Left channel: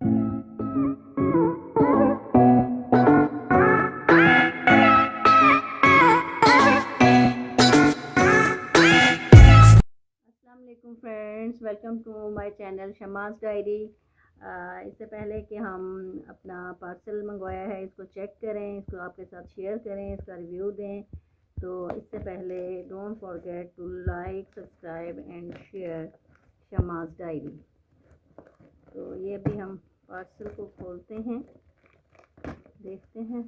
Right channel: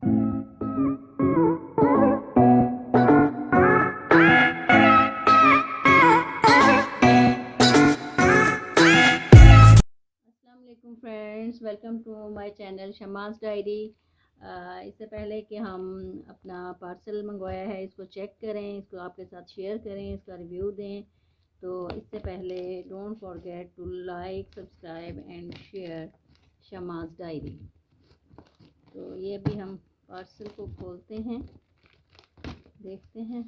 अस्सलाम वालेकुम friends, welcome to my channel Shama's diary. इससे पहले कि हम अपना पार्सल मंगवाया है इसको चेक करें, इसको आपके साथ शेयर करें, इसका रिव्यू दें, तो इससे पहले don't forget to like, subscribe and share Shama's diary. तो ये भी हम पार्सल को खोलते हैं, देखते हैं।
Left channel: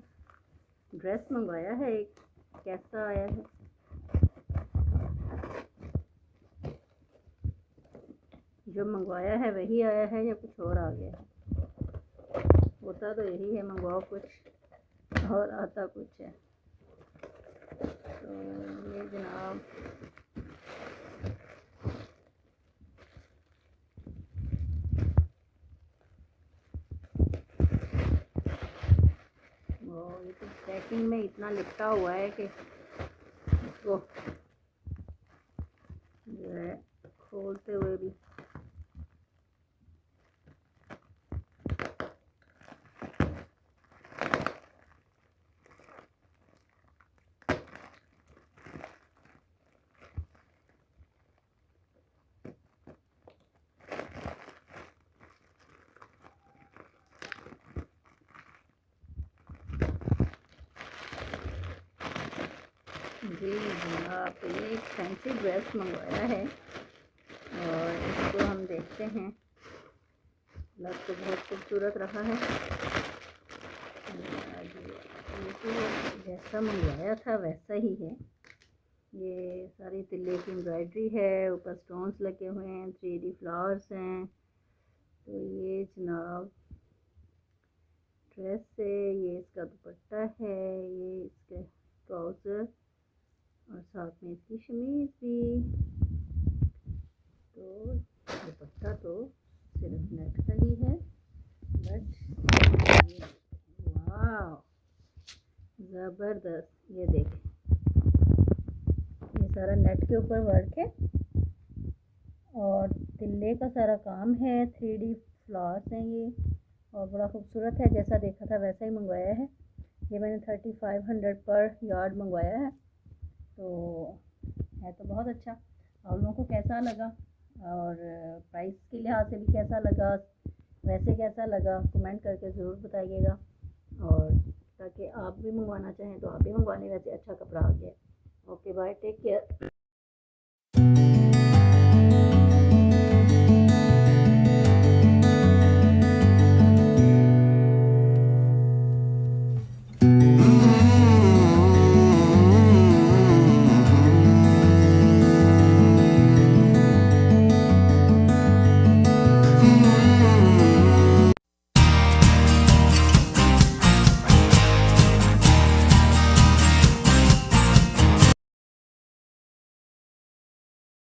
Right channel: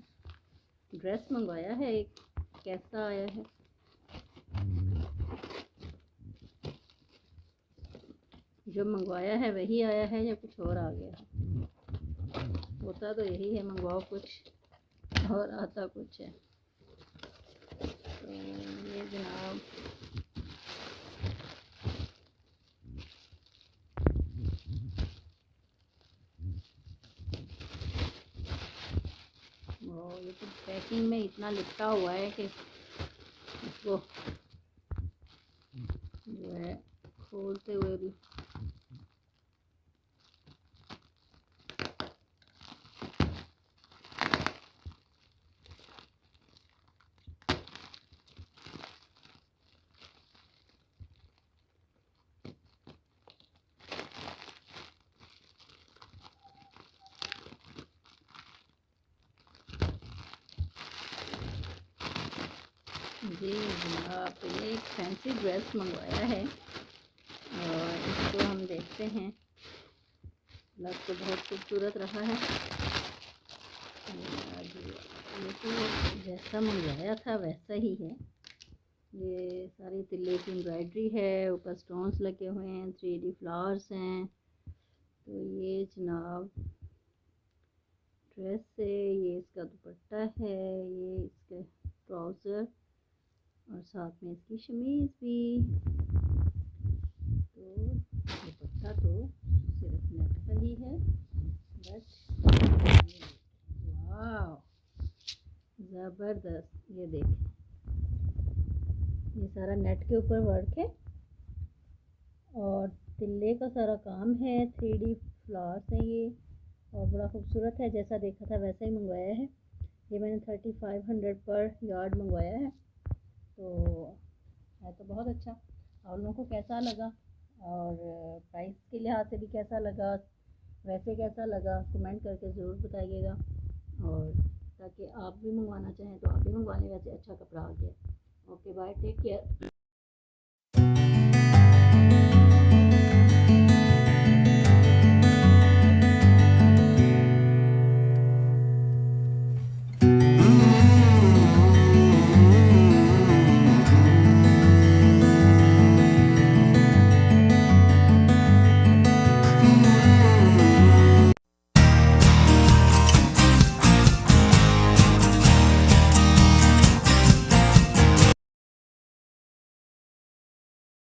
ड्रेस मंगवाया है एक, कैसा आया है। जो मंगवाया है वही आया है या कुछ और आ गया। होता तो यही है, मंगवाओ कुछ और आता कुछ है। तो ये जनाब ये तो पैकिंग में इतना लिपटा हुआ है कि इसको जो है खोलते हुए भी जी जनाब ये एक फैंसी ड्रेस मंगवाया है और इसको हम देखते हैं। लग तो बहुत खूबसूरत रहा है। ये तो जैसा मंगवाया था वैसा ही है। ये सारी तिल्ले की एम्ब्रॉयडरी है, ऊपर स्टोन्स लगे हुए हैं, 3D फ्लावर्स हैं। तो ये जनाब ड्रेस है, ये इसका दुपट्टा है, ये इसके ट्राउज़र और साथ में इसकी शमीज़ भी। तो दुपट्टा तो सिर्फ नेट का ही है, बट वाह ज़बरदस्त। ये देखें, ये सारा नेट के ऊपर वर्क है और तिल्ले का सारा काम है, 3D फ्लावर्स हैं ये, और बड़ा खूबसूरत है। जैसा देखा था वैसा ही मंगवाया है। ये मैंने 3500 पर यार्ड मंगवाया है, तो है तो बहुत अच्छा। और लोगों को कैसा लगा और प्राइस के लिहाज से भी कैसा लगा, वैसे कैसा लगा, कमेंट करके ज़रूर बताइएगा। और ताकि आप भी मंगवाना चाहें तो आप भी मंगवा लें, वैसे अच्छा कपड़ा आ गया। Okay bye, take care.